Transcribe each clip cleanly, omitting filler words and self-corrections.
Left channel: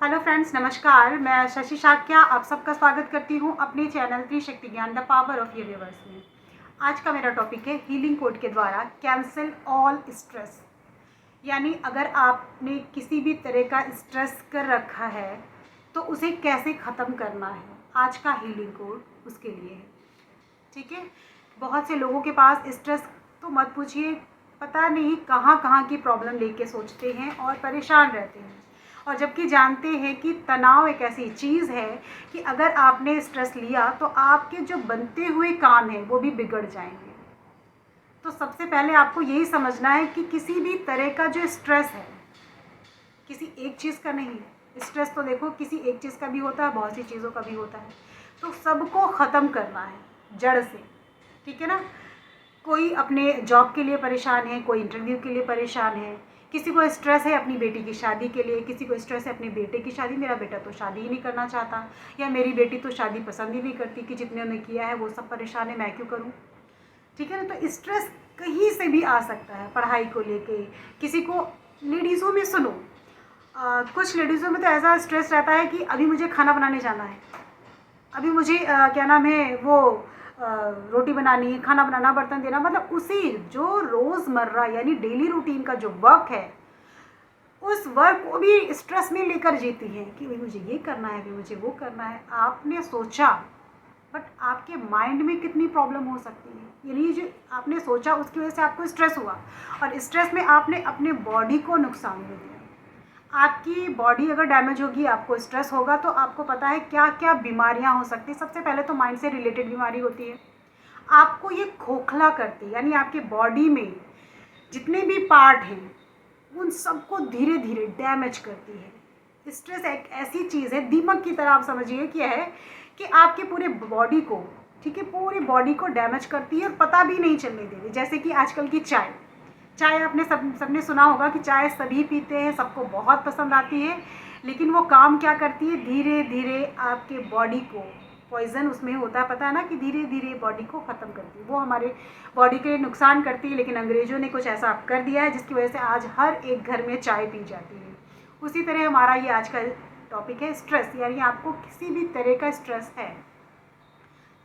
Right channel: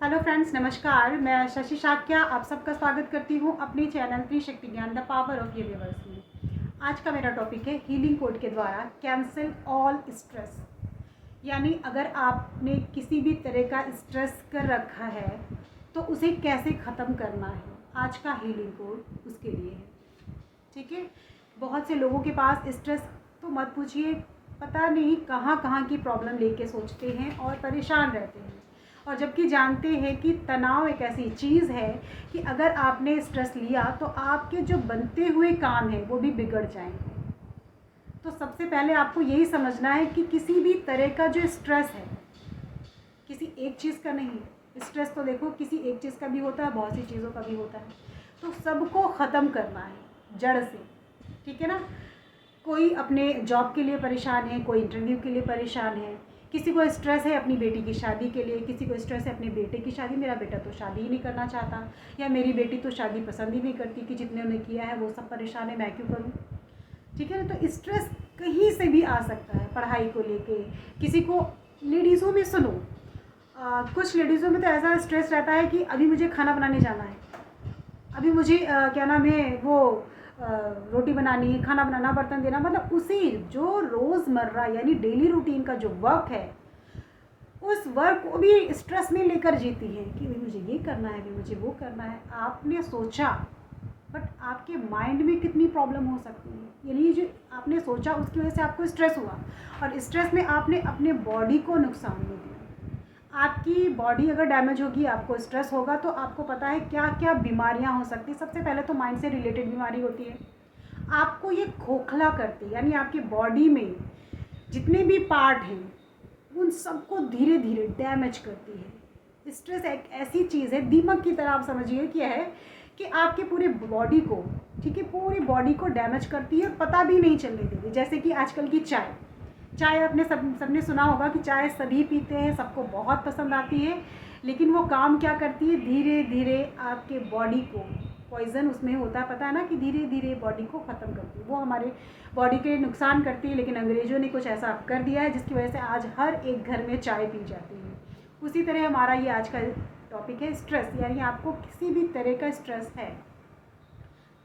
Hello friends, नमस्कार। मैं शशि शाक्या आप सबका स्वागत करती हूँ अपने चैनल त्रिशक्ति ज्ञान द पावर ऑफ यूनिवर्स में। आज का मेरा टॉपिक है हीलिंग कोड के द्वारा कैंसिल ऑल स्ट्रेस। यानी अगर आपने किसी भी तरह का स्ट्रेस कर रखा है तो उसे कैसे ख़त्म करना है, आज का हीलिंग कोड उसके लिए है। ठीक है, बहुत से लोगों के पास स्ट्रेस तो मत पूछिए, पता नहीं कहाँ कहाँ की प्रॉब्लम लेके सोचते हैं और परेशान रहते हैं, और जबकि जानते हैं कि तनाव एक ऐसी चीज़ है कि अगर आपने स्ट्रेस लिया तो आपके जो बनते हुए काम हैं वो भी बिगड़ जाएंगे। तो सबसे पहले आपको यही समझना है कि किसी भी तरह का जो स्ट्रेस है, किसी एक चीज़ का नहीं। स्ट्रेस तो देखो किसी एक चीज़ का भी होता है, बहुत सी चीज़ों का भी होता है। तो सबको ख़त्म करना है जड़ से। ठीक है ना। कोई अपने जॉब के लिए परेशान है, कोई इंटरव्यू के लिए परेशान है, किसी को स्ट्रेस है अपनी बेटी की शादी के लिए, किसी को स्ट्रेस है अपने बेटे की शादी, मेरा बेटा तो शादी ही नहीं करना चाहता, या मेरी बेटी तो शादी पसंद ही नहीं करती, कि जितने ने किया है वो सब परेशान है, मैं क्यों करूँ। ठीक है ना। तो स्ट्रेस कहीं से भी आ सकता है, पढ़ाई को लेके, किसी को, लेडीज़ों में सुनो, कुछ लेडीज़ों में तो ऐसा स्ट्रेस रहता है कि अभी मुझे खाना बनाने जाना है, अभी मुझे क्या नाम है वो रोटी बनानी है, खाना बनाना, बर्तन देना, मतलब उसी जो रोज़मर्रा यानी डेली रूटीन का जो वर्क है, उस वर्क को भी स्ट्रेस में लेकर जीती है कि भाई मुझे ये करना है, अभी मुझे वो करना है। आपने सोचा, बट आपके माइंड में कितनी प्रॉब्लम हो सकती है, यानी जो आपने सोचा उसकी वजह से आपको स्ट्रेस हुआ, और स्ट्रेस में आपने अपने बॉडी को नुकसान दे दिया। आपकी बॉडी अगर डैमेज होगी, आपको स्ट्रेस होगा, तो आपको पता है क्या क्या बीमारियां हो सकती हैं। सबसे पहले तो माइंड से रिलेटेड बीमारी होती है, आपको ये खोखला करती है, यानी आपकी बॉडी में जितने भी पार्ट हैं उन सबको धीरे धीरे डैमेज करती है। स्ट्रेस एक ऐसी चीज़ है, दीमक की तरह आप समझिए क्या है, कि आपके पूरे बॉडी को, ठीक है, पूरी बॉडी को डैमेज करती है, पता भी नहीं चलने देती। जैसे कि आजकल की चाय, चाय आपने सबने सुना होगा कि चाय सभी पीते हैं, सबको बहुत पसंद आती है, लेकिन वो काम क्या करती है, धीरे धीरे आपके बॉडी को, पॉइज़न उसमें होता है, पता है ना, कि धीरे धीरे बॉडी को ख़त्म करती है, वो हमारे बॉडी के लिए नुकसान करती है। लेकिन अंग्रेज़ों ने कुछ ऐसा कर दिया है जिसकी वजह से आज हर एक घर में चाय पी जाती है। उसी तरह हमारा ये आज का टॉपिक है स्ट्रेस, यानी आपको किसी भी तरह का स्ट्रेस है,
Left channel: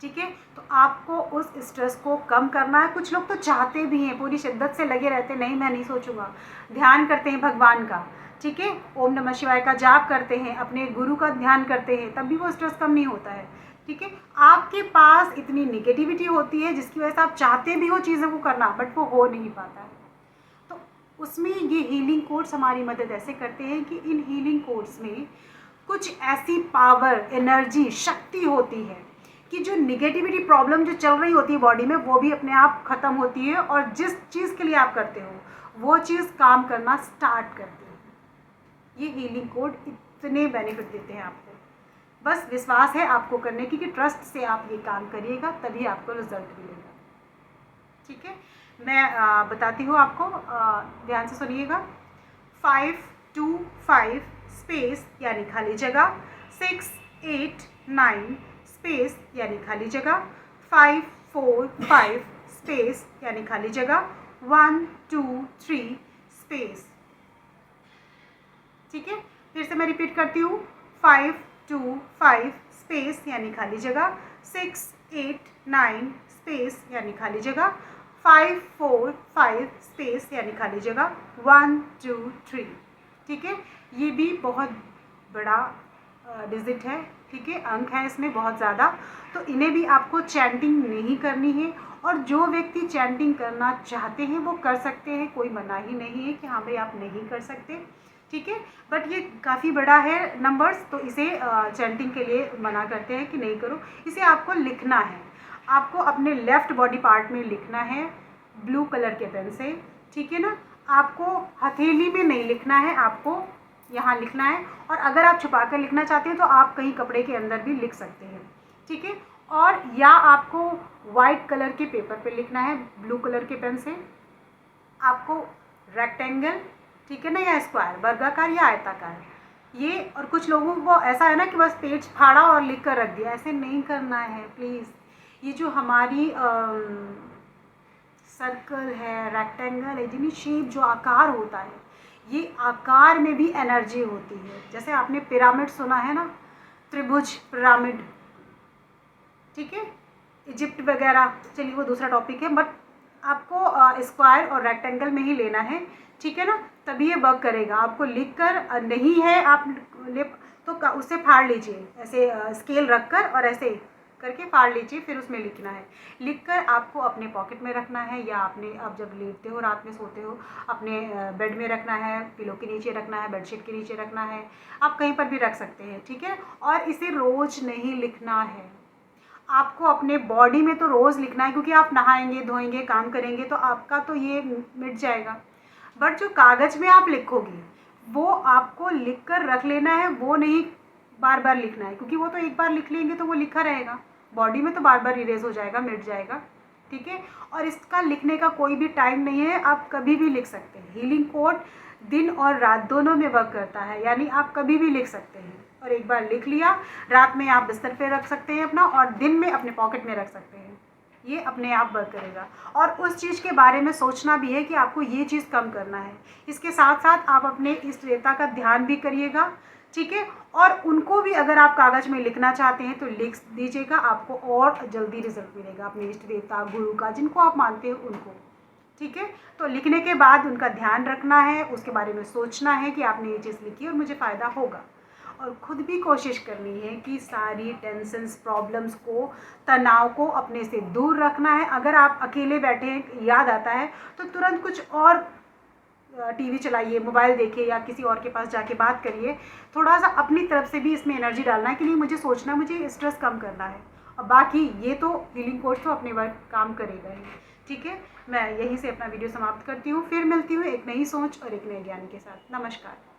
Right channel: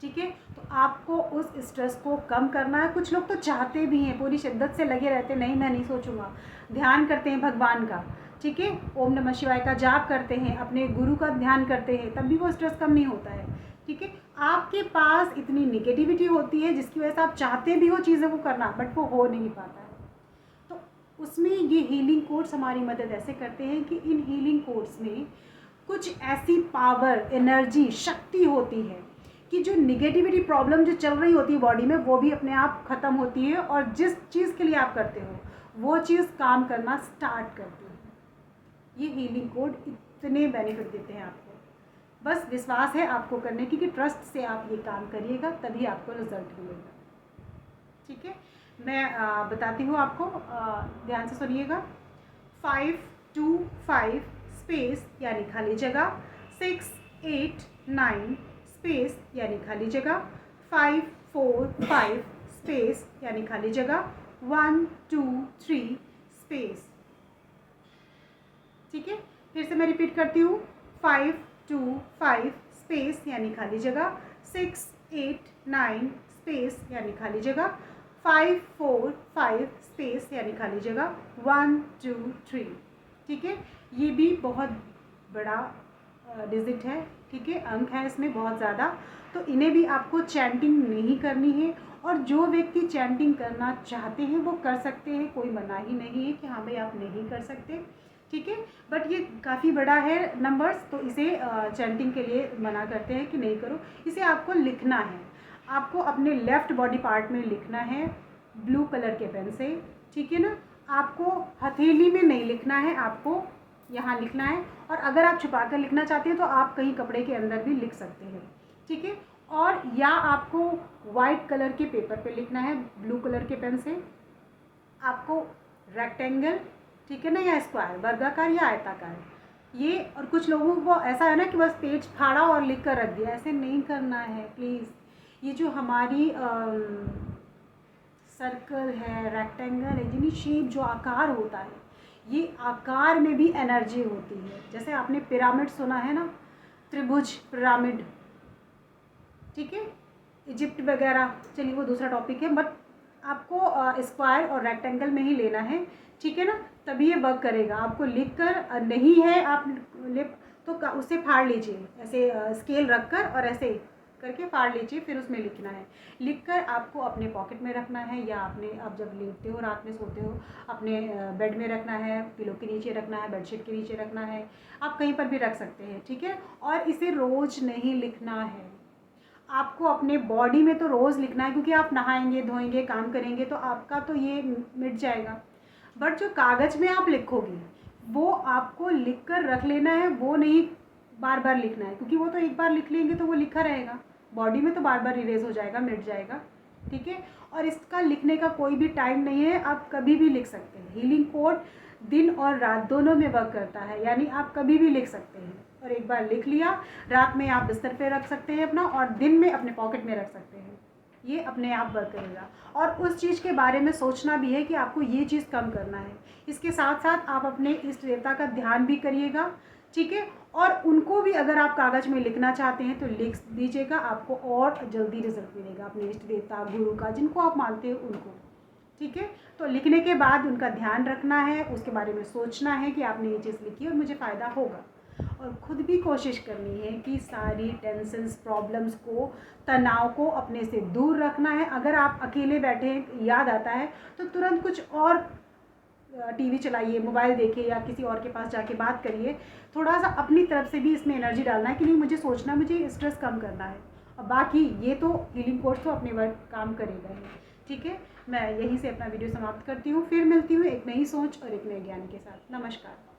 ठीक है, तो आपको उस स्ट्रेस को कम करना है। कुछ लोग तो चाहते भी हैं, पूरी शिद्दत से लगे रहते हैं, नहीं मैं नहीं सोचूंगा, ध्यान करते हैं भगवान का, ठीक है, ओम नमः शिवाय का जाप करते हैं, अपने गुरु का ध्यान करते हैं, तब भी वो स्ट्रेस कम नहीं होता है। ठीक है, आपके पास इतनी निगेटिविटी होती है जिसकी वजह से आप चाहते भी हो चीज़ों को करना, बट वो हो नहीं पाता है। तो उसमें ये हीलिंग कोड्स हमारी मदद ऐसे करते हैं कि इन हीलिंग कोड्स में कुछ ऐसी पावर, एनर्जी, शक्ति होती है कि जो निगेटिविटी प्रॉब्लम जो चल रही होती है बॉडी में, वो भी अपने आप ख़त्म होती है, और जिस चीज़ के लिए आप करते हो वो चीज़ काम करना स्टार्ट करती है। ये हीलिंग कोड इतने बेनिफिट देते हैं आपको, बस विश्वास है आपको करने की, कि ट्रस्ट से आप ये काम करिएगा तभी आपको रिजल्ट मिलेगा। ठीक है, मैं बताती हूँ आपको, ध्यान से सुनिएगा। 5 2 5 स्पेस यानी खाली जगह, 6 8 9 स्पेस यानी खाली जगह, 5 4 5 स्पेस यानी खाली जगह, 1 2 3 स्पेस। ठीक है, फिर से मैं रिपीट करती हूँ, 5 2 5 स्पेस यानी खाली जगह, 6 8 9 स्पेस यानी खाली जगह, 5 4 5 स्पेस यानी खाली जगह, 1 2 3। ठीक है, ये भी बहुत बड़ा डिजिट है, ठीक है, अंक है इसमें बहुत ज़्यादा, तो इन्हें भी आपको चैंटिंग नहीं करनी है। और जो व्यक्ति चैंटिंग करना चाहते हैं वो कर सकते हैं, कोई मना ही नहीं है कि हाँ भाई आप नहीं कर सकते, ठीक है, बट ये काफ़ी बड़ा है नंबर्स, तो इसे चैंटिंग के लिए मना करते हैं कि नहीं करो। इसे आपको लिखना है, आपको अपने लेफ़्ट बॉडी पार्ट में लिखना है ब्लू कलर के पेन से, ठीक है ना। आपको हथेली में नहीं लिखना है, आपको यहाँ लिखना है, और अगर आप छुपा कर लिखना चाहते हैं तो आप कहीं कपड़े के अंदर भी लिख सकते हैं, ठीक है। और या आपको वाइट कलर के पेपर पे लिखना है ब्लू कलर के पेन से, आपको रेक्टेंगल, ठीक है ना, या स्क्वायर, वर्गाकार या आयताकार, ये। और कुछ लोगों को ऐसा है ना कि बस पेज फाड़ा और लिख कर रख दिया, ऐसे नहीं करना है प्लीज़। ये जो हमारी सर्कल है, रेक्टेंगल है, जिन्हें शेप जो आकार होता है, ये आकार में भी एनर्जी होती है। जैसे आपने पिरामिड सुना है ना, त्रिभुज पिरामिड, ठीक है, इजिप्ट वगैरह, चलिए वो दूसरा टॉपिक है, बट आपको स्क्वायर और रेक्टेंगल में ही लेना है, ठीक है ना, तभी ये वर्क करेगा। आपको लिख कर नहीं है आप तो उससे फाड़ लीजिए, ऐसे स्केल रख कर और ऐसे करके फाड़ लीजिए, फिर उसमें लिखना है। लिखकर आपको अपने पॉकेट में रखना है, या आपने आप जब लेटते हो रात में सोते हो अपने बेड में रखना है, पिलो के नीचे रखना है, बेडशीट के नीचे रखना है, आप कहीं पर भी रख सकते हैं, ठीक है। और इसे रोज़ नहीं लिखना है, आपको अपने बॉडी में तो रोज़ लिखना है, क्योंकि आप नहाएंगे धोएंगे काम करेंगे तो आपका तो ये मिट जाएगा। बट जो कागज़ में आप लिखोगे वो आपको लिख कर रख लेना है, वो नहीं बार बार लिखना है, क्योंकि वो तो एक बार लिख लेंगे तो वो लिखा रहेगा, बॉडी में तो बार बार इरेज हो जाएगा, मिट जाएगा, ठीक है। और इसका लिखने का कोई भी टाइम नहीं है, आप कभी भी लिख सकते हैं। हीलिंग कोड दिन और रात दोनों में वर्क करता है, यानी आप कभी भी लिख सकते हैं। और एक बार लिख लिया, रात में आप बिस्तर पे रख सकते हैं अपना, और दिन में अपने पॉकेट में रख सकते हैं, ये अपने आप वर्क करेगा। और उस चीज़ के बारे में सोचना भी है कि आपको ये चीज़ कम करना है। इसके साथ साथ आप अपने इष्ट देवता का ध्यान भी करिएगा, ठीक है। और उनको भी अगर आप कागज़ में लिखना चाहते हैं तो लिख दीजिएगा, आपको और जल्दी रिजल्ट मिलेगा अपने इष्ट देवता गुरु का, जिनको आप मानते हो उनको, ठीक है। तो लिखने के बाद उनका ध्यान रखना है, उसके बारे में सोचना है कि आपने ये चीज़ लिखी और मुझे फ़ायदा होगा। और ख़ुद भी कोशिश करनी है कि सारी टेंशन्स, प्रॉब्लम्स को, तनाव को अपने से दूर रखना है। अगर आप अकेले बैठे हैं, याद आता है तो तुरंत कुछ और टीवी चलाइए, मोबाइल देखिए, या किसी और के पास जाके बात करिए। थोड़ा सा अपनी तरफ से भी इसमें एनर्जी डालना है कि नहीं, मुझे सोचना, मुझे स्ट्रेस कम करना है। और बाकी ये तो हीलिंग कोर्स तो अपने वर्क काम करेगा ही, ठीक है। मैं यहीं से अपना वीडियो समाप्त करती हूँ, फिर मिलती हूँ एक नई सोच और एक नए ज्ञान के साथ। नमस्कार।